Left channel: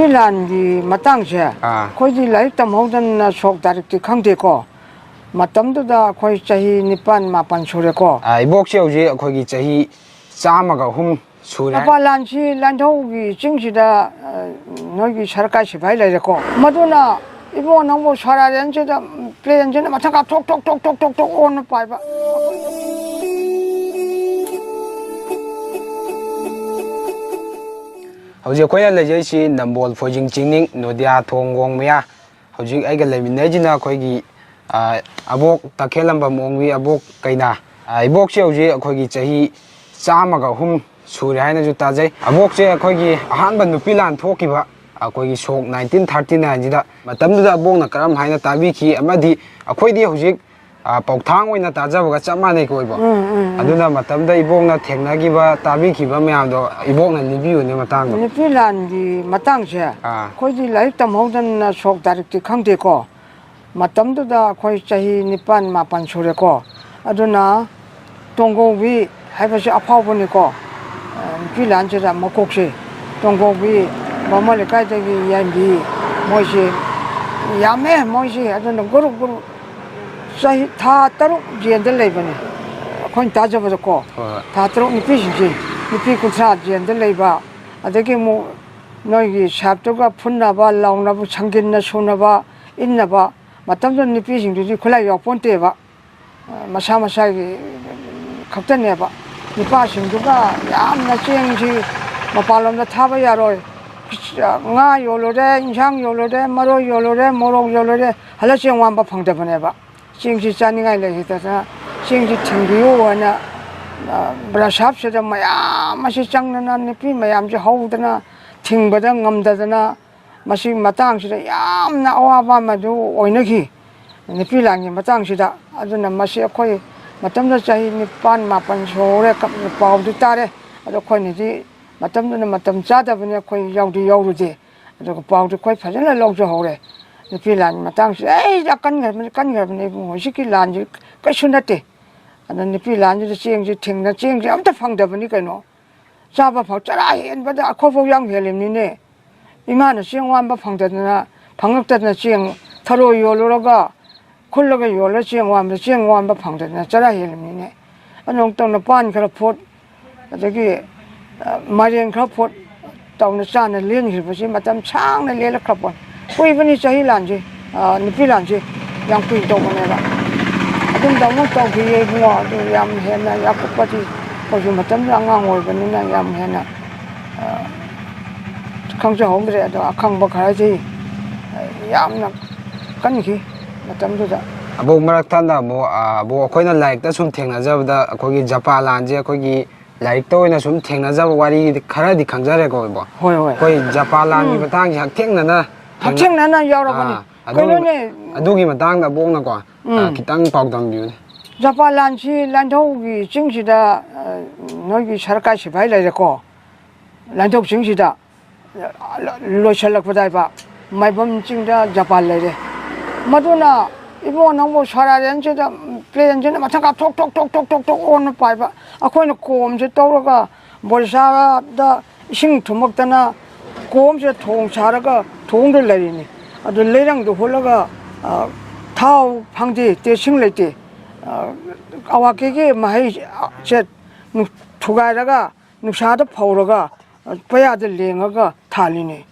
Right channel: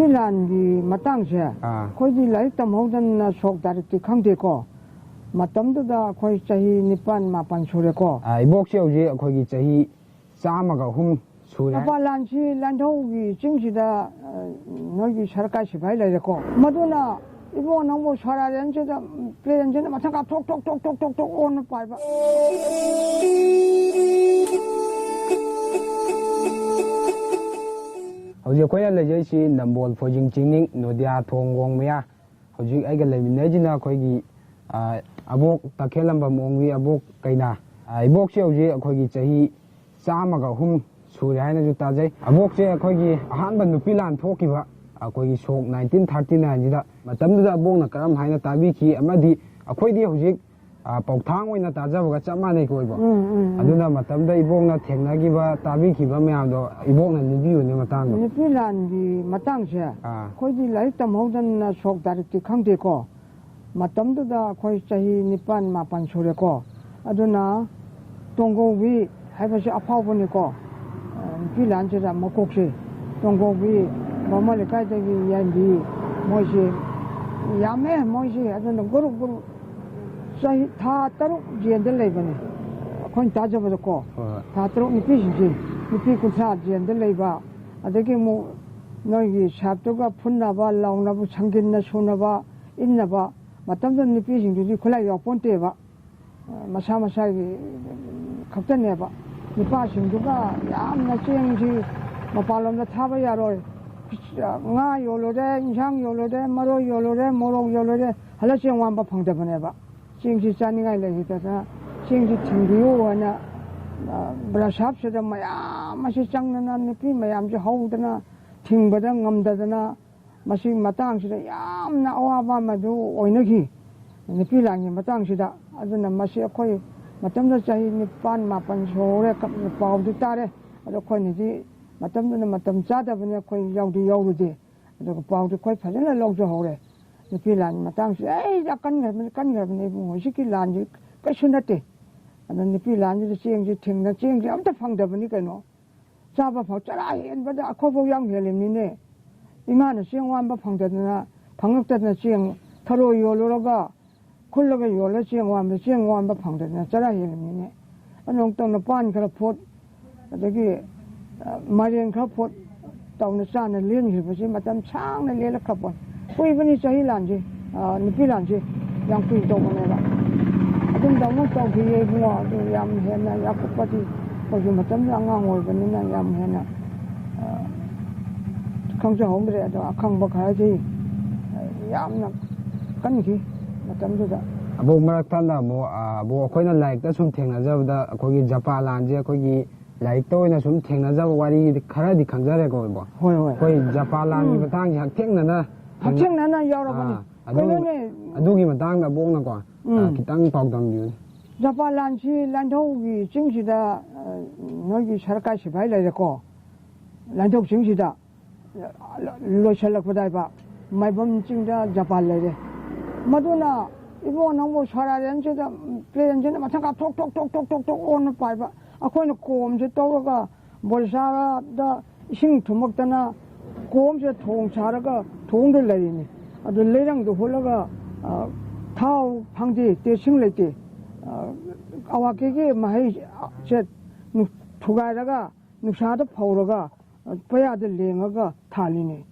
ꯅꯨꯄꯤ ꯂꯥꯟꯒꯤ ꯃꯇꯥꯡꯁꯦ ꯑꯩꯈꯣꯏꯗꯤ ꯂꯥꯏꯔꯤꯛ ꯇꯝꯍꯧꯗꯅ ꯁꯣꯛ ꯇꯥꯔꯤꯛꯇꯤ ꯈꯪꯗꯦꯀꯣ ꯃꯇꯝꯗꯨꯗ ꯑꯩꯈꯣꯏ ꯆꯍꯤ 9-10 ꯁꯨꯔꯦꯀꯣ 이복시 ꯍꯧꯖꯤꯛ ꯑꯩꯈꯣꯏꯒꯤ ꯆꯍꯤ 103 ꯁꯨꯔꯦ ꯃꯄꯥꯟ ꯂꯥꯟꯁꯤ ꯂꯥꯟꯊꯧꯒꯤ ꯆꯤꯡꯁꯤꯗ ꯅꯣꯏꯒꯤ ꯁꯔꯀꯥꯔ ꯁꯤꯐꯥꯏ ꯂꯩꯔꯦꯀꯣ ꯃꯗꯨꯅ 이bo ꯅꯪꯕꯨ ꯁꯣꯔꯥꯔꯦꯟꯁꯤꯗ ꯄ꯭ꯂꯦꯟꯁꯤꯅ ꯃꯊꯪ ꯀꯥꯞ ꯊꯣꯛ ꯊꯣꯛ ꯊꯣꯛ ꯊꯣꯛ ꯊꯣꯛ ꯊꯣꯛ ꯑꯣꯟꯅ ꯄꯥꯏꯕ ꯍꯧꯖꯤꯛ ꯑꯩꯈꯣꯏꯅ ꯂꯩꯖꯩꯁꯤ ꯅꯝꯕꯣꯜ ꯐꯣꯏꯖꯤꯡ ꯆꯤꯡꯅꯤꯡ ꯅꯣꯗꯤꯌꯥ ꯊꯣꯡꯒꯣꯡ ꯃꯌꯥ ꯍꯧꯖꯤꯛ ꯑꯩꯒ ꯂꯩꯃꯤꯟꯅꯩꯁꯤꯅ ꯑꯩꯈꯣꯏꯒꯤ ꯑꯕꯣꯛ ꯇꯈꯦꯜꯂꯝꯕꯝ ꯑꯣꯡꯕꯤ ꯑꯕꯣꯛ ꯀꯩꯅꯥ 이복ꯁꯤ ꯍꯧꯖꯤꯛ ꯑꯩꯈꯣꯏꯒꯤ ꯆꯍꯤ 103 ꯁꯨꯔꯦ ꯍꯥꯏꯅꯁꯨ ꯇꯥꯖꯩ ꯑꯕꯣꯛꯁꯦ ꯑꯩꯈꯣꯏꯒꯤ ꯑꯍꯥꯟꯕ ꯅꯨꯄꯤ ꯂꯥꯟ ꯊꯣꯛꯈꯤꯕ ꯑꯩꯈꯣꯏꯒꯤ ꯁꯣꯛ 1939 ꯃꯇꯝꯗꯨꯗ ꯑꯕꯣꯛꯅ ꯀꯔꯝ ꯍꯥꯏꯅ ꯇꯥꯕꯤꯈꯤ ꯑꯃꯗꯤ ꯑꯩꯈꯣꯏꯗꯤ ꯍꯧꯖꯤꯛ ꯄꯥꯎꯊꯥꯡ ꯑꯣꯏꯅ ꯇꯥꯖꯕꯒ ꯆꯞ ꯃꯥꯟꯅꯩꯀꯣ ꯏꯕꯣꯛ ꯑꯗꯨꯅ ꯃꯇꯝꯗ ꯏꯕꯣꯛꯅ ꯊꯦꯡꯅꯈꯤꯕ ꯇꯥꯕꯤꯈꯤꯕ ꯃꯌꯥꯝꯗꯣ ꯏꯕꯣꯛꯅ ꯂꯤꯕꯤꯌꯨꯅꯦ ꯃꯇꯥꯡꯗꯣ ꯅꯨꯄꯤ ꯂꯥꯟꯒꯤ ꯃꯇꯥꯡꯁꯦ ꯑꯩꯈꯣꯏꯗꯤ ꯂꯥꯏꯔꯤꯛ ꯇꯝꯍꯧꯗꯅ ꯁꯣꯛ ꯇꯥꯔꯤꯛꯇꯤ ꯈꯪꯗꯦꯀꯣ ꯃꯇꯝꯗꯨꯗ ꯑꯩꯈꯣꯏ ꯆꯍꯤ 9-10 ꯁꯨꯔꯦꯀꯣ ꯑꯗꯨꯅ ꯇꯣꯡꯒꯧꯕꯤ ꯍꯥꯏꯕꯁꯤ ꯑꯐꯥꯎꯕꯅꯤꯀꯣ ꯅꯨꯄꯤ ꯂꯥꯟꯁꯤꯗ ꯃꯀꯣꯛꯁꯦ ꯇꯣꯡꯒꯧꯕꯤ ꯕꯥꯃꯣꯟ ꯂꯩꯀꯥꯏꯗꯒꯤ ꯌꯥꯏꯕꯤ ꯃꯣꯏꯁꯤ ꯌꯥꯝꯃꯦ ꯃꯣꯏꯁꯤ ꯑꯗꯨꯅ ꯒꯨꯔꯨꯞ ꯒꯨꯔꯨꯞ ꯆꯍꯤ ꯊꯥ 3 ꯖꯦꯜꯗ ꯂꯩꯕꯅꯤ ꯑꯩꯈꯣꯏꯅ ꯇꯥꯖꯕꯗꯀꯣ ꯊꯥ 3 ꯅꯨꯄꯤꯁꯤꯡꯁꯤ ꯅꯨꯄꯤ 30 ꯖꯦꯜꯗ ꯂꯩꯕ ꯑꯗꯒꯤ ꯑꯃꯨꯛ ꯅꯣꯏꯒꯤ ꯁꯥꯞꯇꯨꯒ ꯐꯨꯟꯅꯕ ꯂꯥꯎꯅꯕ ꯁꯪꯒꯤꯟꯅ ꯁꯨꯅꯕ ꯏꯟꯅꯕ ꯃꯇꯝꯗꯨꯗ ꯅꯨꯄꯤꯁꯤꯡꯗꯨꯗꯤ ꯈꯨꯠꯂꯥꯏ ꯌꯥꯎꯄꯣꯟꯇꯦꯕ ꯃꯁꯥ ꯃꯁꯥꯒꯤ ꯈꯛꯇꯅꯦꯕ ꯅꯨꯄꯥꯁꯤꯡꯗꯨꯒ ꯌꯥꯝꯅ ꯆꯦꯡꯁꯤ ꯃꯄꯥꯟꯂꯣꯝꯗ ꯊꯥꯕ ꯌꯥꯔꯣꯏ ꯉꯥ ꯌꯣꯜꯂꯨꯔꯦ ꯏꯟꯁꯥꯡ ꯌꯣꯜꯂꯨꯔꯦ ꯃꯔꯣꯏ ꯌꯣꯜꯂꯨꯔꯦ ꯃꯣꯔꯣꯛ ꯌꯣꯜꯂꯨꯔꯦ ꯍꯜꯂ ꯆꯦꯡ ꯋꯥꯟꯕ ꯐꯪꯗꯕꯅꯦꯕ ꯆꯦꯡꯁꯤ ꯆꯥꯅꯤꯡꯉꯥꯏ ꯂꯩꯇꯗꯅ ꯆꯦꯡꯁꯤ ꯊꯤꯟꯕꯤꯌꯨ ꯍꯥꯏꯅ ꯕ꯭ꯔꯁꯥꯞꯁꯤꯗ ꯃꯌꯥꯝ ꯑꯁꯤ ꯆꯪꯗꯅ ꯅꯨꯄꯤ ꯃꯌꯥꯝꯁꯤ ꯍꯧꯗꯅ ꯊꯤꯡꯕꯗ ꯉꯝꯗꯗꯅ ꯃꯁꯤ ꯃꯇꯥꯡꯁꯤꯗ ꯌꯥꯝꯅ ꯑꯋꯥꯕ ꯑꯃꯗꯨ ꯑꯣꯏꯅꯈꯤ ꯅꯨꯄꯤ ꯂꯥꯟꯒꯤ ꯃꯇꯥꯡꯁꯤꯗ ꯑꯗꯨꯅ ꯃꯁꯤ ꯑꯩꯈꯣꯏ ꯃꯇꯝꯗ ꯆꯍꯤ 9-10 ꯁꯨꯔꯦ ꯄꯥꯎꯗꯤ ꯇꯥꯔꯦ ꯑꯗꯣ ꯑꯩꯈꯣꯏꯅꯗꯤ ꯃꯇꯝꯗꯨꯅ ꯃꯇꯝ ꯆꯥꯗꯕꯅꯤ ꯑꯩꯈꯣꯏ ꯌꯥꯎꯗꯤ ꯌꯥꯎꯔꯨꯗꯦ ꯑꯗꯨꯒ ꯄꯥꯎꯗꯤ ꯑꯩꯈꯣꯏ ꯐꯖꯅ ꯂꯧꯖꯍꯧꯔꯦ ꯅꯨꯄꯤ ꯂꯥꯟꯒꯤ ꯃꯇꯥꯡꯁꯤꯗ ꯀꯟꯈ꯭ꯔꯕꯅꯤ ꯏꯕꯨꯡꯉꯣ ꯍꯧꯖꯤꯛꯀꯤ ꯂꯥꯟꯁꯤ ꯀꯩꯁꯨ ꯅꯠꯇꯦ ꯑꯗ ꯅꯨꯄꯤ ꯂꯥꯟꯁꯤꯗ ꯆꯦꯡꯁꯤ ꯊꯤꯡꯅ ꯆꯦꯡꯁꯤ ꯑꯝꯇ ꯐꯪꯗꯕꯅꯤ ꯀꯩꯅꯣ ꯆꯥꯕ ꯐꯥꯎ ꯆꯔꯥ ꯍꯦꯟꯕꯗ ꯑꯩꯈꯣꯏꯐꯥꯎ ꯌꯥꯝ ꯍꯦꯜꯂꯤꯕꯅꯤꯅꯦ 이마는 쟁완바 방대나 방역되는 쟁 타로 요로가 콜로가 요로 쟁완바 쟁완바 방대나 자라 헬미네 안용도는 반 그렇포 저기 마리엔 그렇포 tàu cha này liên thì phải mà tâm sáng này liên là khắp bọn quay vẫn đi chơi làm gì đi làm gì yang quỳ tàu này là chúng tàu nó tàu thì ngõ thì làm hiện làyak có gì có gì mà tâm là ngang ngồi bên này làm hiện là không cho hôm nay đó không bao cái gì làm là cái gì mà tâm tôi Abu Marathon Abu Koina like that some thing as of the Kogi Japan land, Kogi like Toina some thing as of what he carried Kanzare go. Koi Japan land, but thank you, King Nana, King Nana, Yorobani. I do him a dang the Bonago, Kitang Pogdam you. Japan land, she Landhogi, Chingshida, Nogi Sharkashi, Vailako, Landhog Chingshida, Loshalakudaiba, my bum Chinga, Japan lady. Madonna. 이번 너무 살아렌지다 플레인지나 마찬가 톡톡톡톡톡 오는 파이바 아코는 곰지 떠오르가 몰사다 싱 투먹다나 곰지 통차라가 통들 내리니 아주 내랑도 홀라가 타우 방지 대싱레티 아와케게 마이 제 투가라가 누사도 파우르가 빠야들 랭어가 탈리니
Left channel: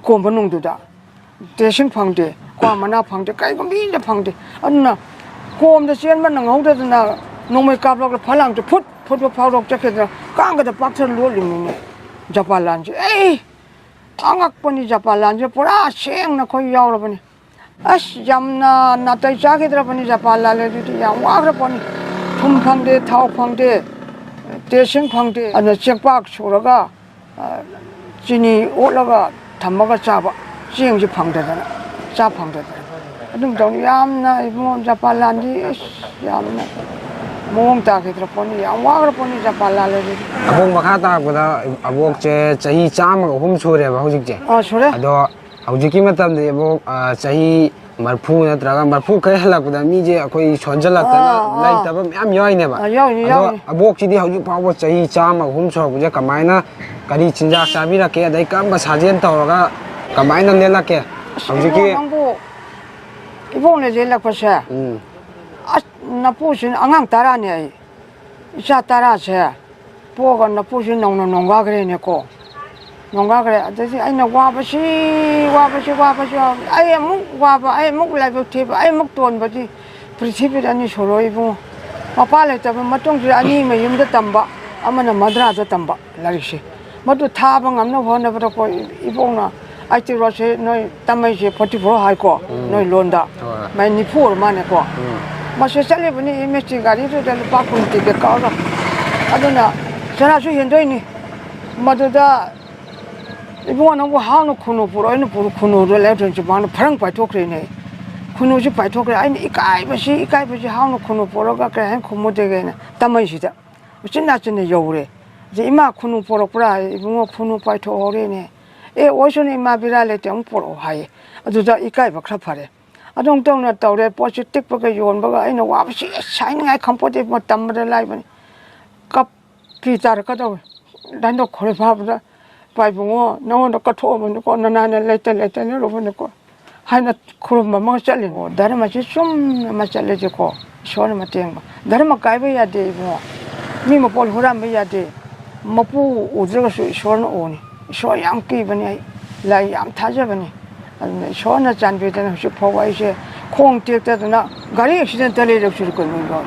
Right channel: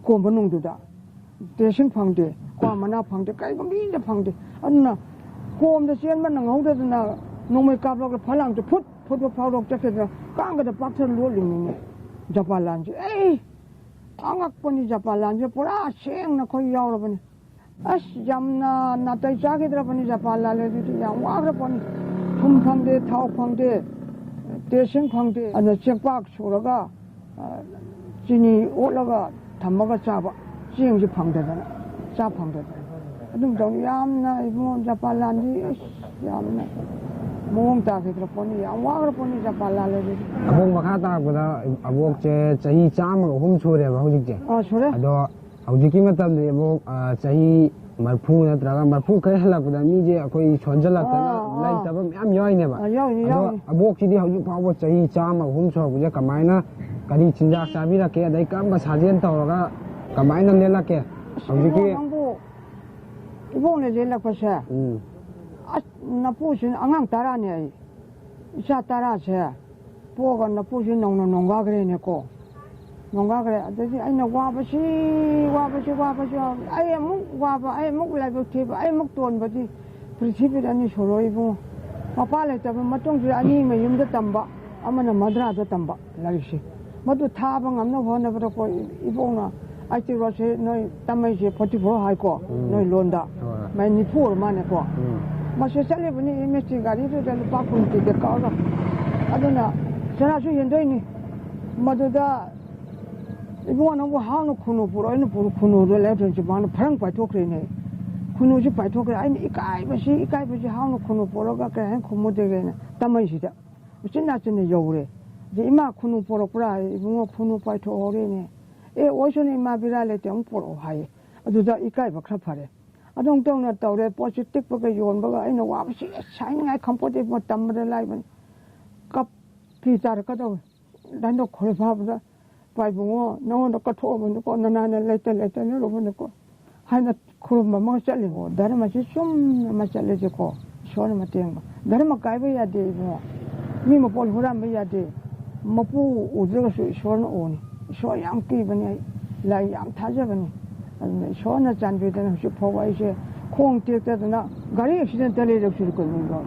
곰번웅도다 대싱 방지 과마나 방대 까이고 미인데 방대 안나 고음도 시엔만 나오더나 농물 까불고 팔랑도 풋풋 파우럭 잡혀서 깡가다 박스를 놀리네 자발란지 에이 angakponi japalanji pura sengna khoi yaurabani as jamna natai chagidrapani japalale ri yang wagrapani thum phangde thau phangde tesing phangde ana chekpak suraga chini olaga thamaga chaba chengji phangdana cha phangdana adum dong yamna ibon japalanji yamna mong ta gidrapani yang wagrapani japalale ri abong makata kuda abok che chahi cham hum sure ba hojik je sure ado ꯍꯧꯖꯤꯛꯀꯤ ꯃꯇꯝꯗꯤ ꯑꯃꯨꯛ ꯆꯍꯤ ꯃꯔꯐꯨ ꯅꯠꯇ꯭ꯔꯒ ꯃꯔꯐꯨ ꯈꯔ ꯍꯜꯂꯛꯄꯗ ꯃꯤꯁꯦ ꯑꯩꯈꯣꯏ ꯁꯣꯟꯖꯜꯂꯛꯇꯅ ꯂꯩꯇꯕ ꯃꯌꯥꯝ ꯌꯥꯎꯏꯅꯦꯕ ꯑꯗꯣ ꯑꯕꯣꯛꯁꯤꯗꯤ ꯍꯧꯖꯤꯛ ꯐꯥꯎꯕ ꯆꯍꯤ 100 ꯁꯨꯔꯛꯄꯁꯦ ꯀꯃꯥꯏꯅ ꯀꯔꯤ ꯆꯤꯟꯖꯥꯛ ꯆꯥꯕꯤꯔꯛꯀꯦ ꯑꯗꯩ ꯀꯔꯝꯕ ꯁꯥꯖꯦꯜ ꯇꯧꯔꯒ ꯀꯃꯥꯏꯅ ꯂꯦꯜꯂꯛꯀꯦ ꯍꯧꯖꯤꯛꯀꯤ 이번에 제일락버세 나쁘신 안강 따라네 이차 따라세 보가 나쁘신 농가 그래네고 농가 그래 아저씨 아이나 와버시 아예 묵 와봐 아예 묵 라이브 티브 아예 묵 돈버지 프리티비라니 서로 이부 마팔에 잡은 맛동지 아니면 임도 담바 아마나 마드라도 담바 라리시 모두 타방 암나 번나버고 이봉나 아이티로세 너희 담마이시 44 하이고 너희 론다 많이 포를 많이고 마셔 살리버니 이메지 가리도 될 바꾼 티게 까라 아도나 전화수 현도이니 모두다 이번에 뭐 하는 쿠노 보러는 보러 쿠노를 내던지 많은 파랑 파토크네 쿠노지 파토크래 아니 이까이버시 하는 쿠노 보러가 그래 고모되게는 담마이시다 진나진네 여우래 이제 이마 쿠노 보러 보라 이번 쿠노 파토오래네 에 오션이 마비라레 땡 보러 하이 아주자 이까이버 크라파래 아동동나 떠래 포지틱 버가 요원버가 아이나 와버시 샤이닝 아이 컴포트 뭐 담버를 라이브니 컵 피자를 가져 난도 거래 봐보자 바이붕어 너는 까토면 거 나나는 레텔레텔 로보는 거 하나 그런 뭐 잘리고 다른 맛이 좀 맛잘려지고 시원한 맛 땡. 다른 맛 가입해야 돼 뭐. 미모 볼 호람 해야 돼. 먹고 우즈가 시원 오니. 시원 양기 버니 라이 양 타져 버니. 시원한 잔비되는 혹시 보고 이제 콩 띄었다나 가리 액시덴 달리려 줄 거는 거.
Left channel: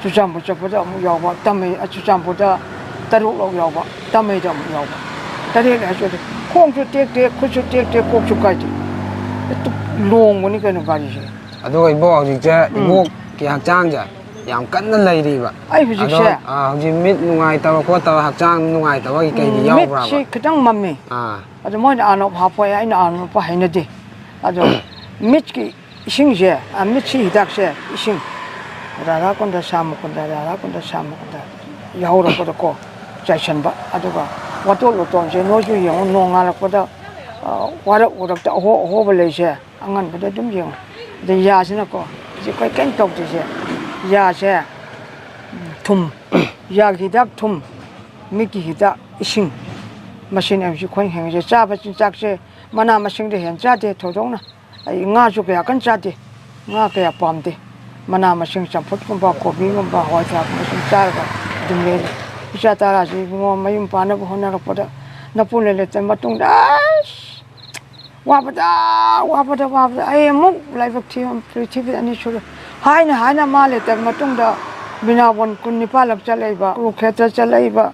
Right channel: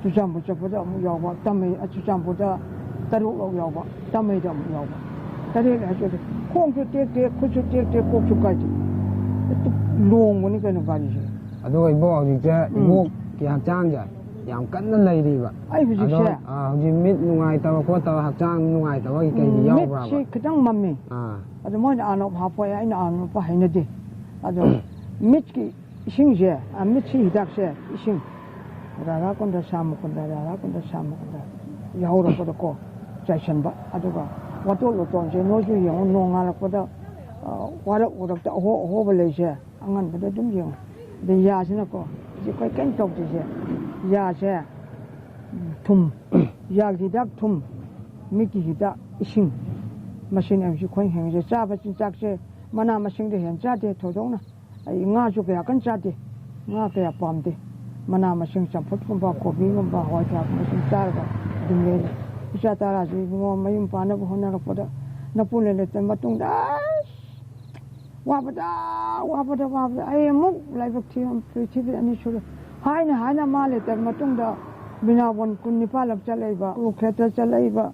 주장부터 보다 뭐 여봐. 땀에 주장보다 따로 여봐. 땀에 좀 여봐. 다리를 해줘도 콩도 떼 고추 떼 고추까지 또 롱거니 그는 가리지 ꯑꯗꯨꯒ 이보 ꯍꯧꯖꯤꯛꯁꯦ 이보ꯒꯤ ꯍꯛꯆꯥꯡꯁꯦ ꯌꯥꯝ ꯀꯟꯅ ꯂꯩꯔꯤꯕ ꯑꯩ ꯍꯧꯖꯤꯛꯁꯦ ꯍꯧꯖꯤꯛ ꯃꯤꯠ ꯅꯨꯡꯉꯥꯏꯇꯕ ꯈꯣꯠꯇꯕ ꯍꯛꯆꯥꯡ ꯅꯨꯡꯉꯥꯏꯇꯕꯒꯤ ꯀꯩꯒꯤ ꯌꯥꯎꯕ꯭ꯔꯥꯕ ꯃꯤꯠꯁꯤ ꯈꯤꯇꯪ ꯃꯝꯃꯤ ꯑꯗꯣ ꯃꯣꯏꯅ ꯑꯅꯣꯞ ꯍꯥꯞꯄꯣꯏ ꯑꯩꯅ ꯑꯅꯣꯞ ꯍꯩꯅꯗꯦ ꯑꯗꯣ ꯃꯤꯠꯀꯤ ꯏꯁꯤꯡꯁꯦ ꯃꯤꯠꯁꯤ ꯍꯤꯗꯥꯛꯁꯦ ꯏꯁꯤꯡ 라라콘다 사무콘다 야우라고도 자신바 아두가 와돌로tonje 노주 영 농알고다 와락오락다 호벌레세 안간보다 좀 영. 근데 야시나고 이제 거의 깬떡지세 야세 툼 야기닥 툼 미기히다 이싱 마신 없이 거의 행제 짜바진 짝세 만나 마싱데 현자데 도동나 ing아주게 약간 짜데 ng아게 얌데 만나 마싱 점포kumba 고비kumba 화자 마싱 짜가 dumle isa 따라지 뭐 마임 파나고 호나고보다 나폴레레 때 마뚱다 와보다 아예 목 라이브 팀 프리티비 아니 쇼 하이나 말레 때 마뚱다 비나원 군니팔락 잘레바 로케타 잘레바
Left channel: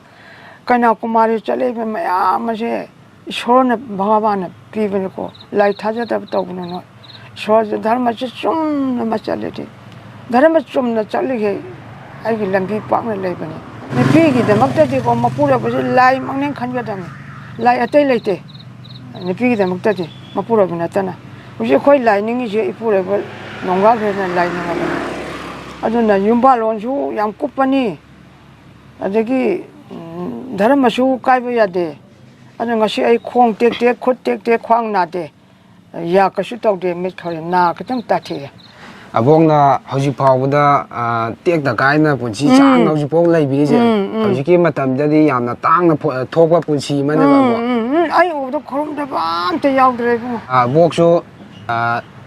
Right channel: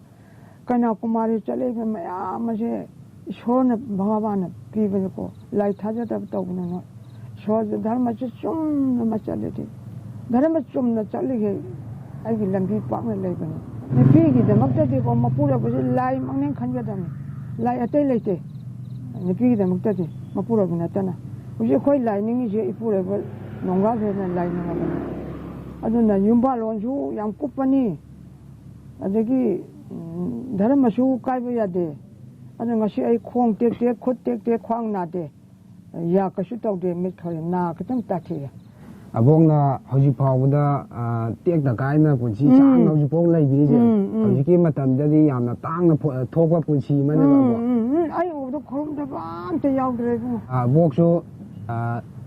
kaina kumari chale be maya mase shorne bhagavan pibene ko lai thaja ta tawno no shor dharma che chum na chale de dharma chum na chale ge ai gi lambi pak na lai bane ni pi gi de makta de ko mapura ba lai mangne khan ga dam lai atai leite ni pi gi de makta de mapura bina tana uji khoi lai ningi je ipure ba nongga ge na lai na ba aduna yumba lon ju yam kupani adagi धर्मसु कायबो यादे अन ngasi ai khong tek khut tek khwang na de ya kasu tawde mit khare na katang ta the abongna hojik phawda tek da kaina punchi chang hojik pong lai bi je hojik ki matam dadi yamna tangna thokwa punchi mane ba bo ai odo khorom da ban te yaw dre bu boksu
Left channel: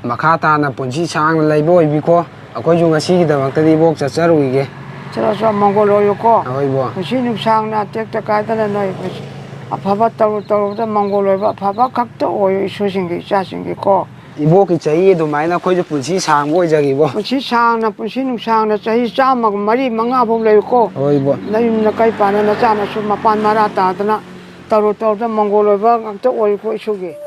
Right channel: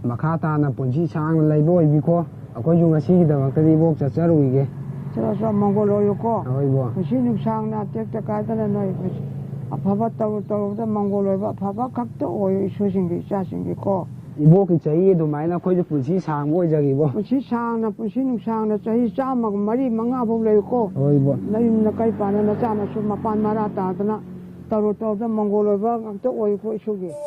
makha ta na punchi chang lai bo bi ko akoi ju ngasi gi da maktadi bok cha charui ge 저서 몽골로 요고 아이고 무슨 상나 tekta 가다나 너희 아파바 따로다 몽골로 아파바 각도 오이 소신기 자신기 고 이보기 자이도 마이나 코이저 분시 상 보이자기 보 분시 상나 분시 상나 자이 자막 머리 망아 보래 고 어이보 나임나 까이 빠나 자나 수 마판 마라 따다나 따로다 몽골로 각도 오이 고 이슈기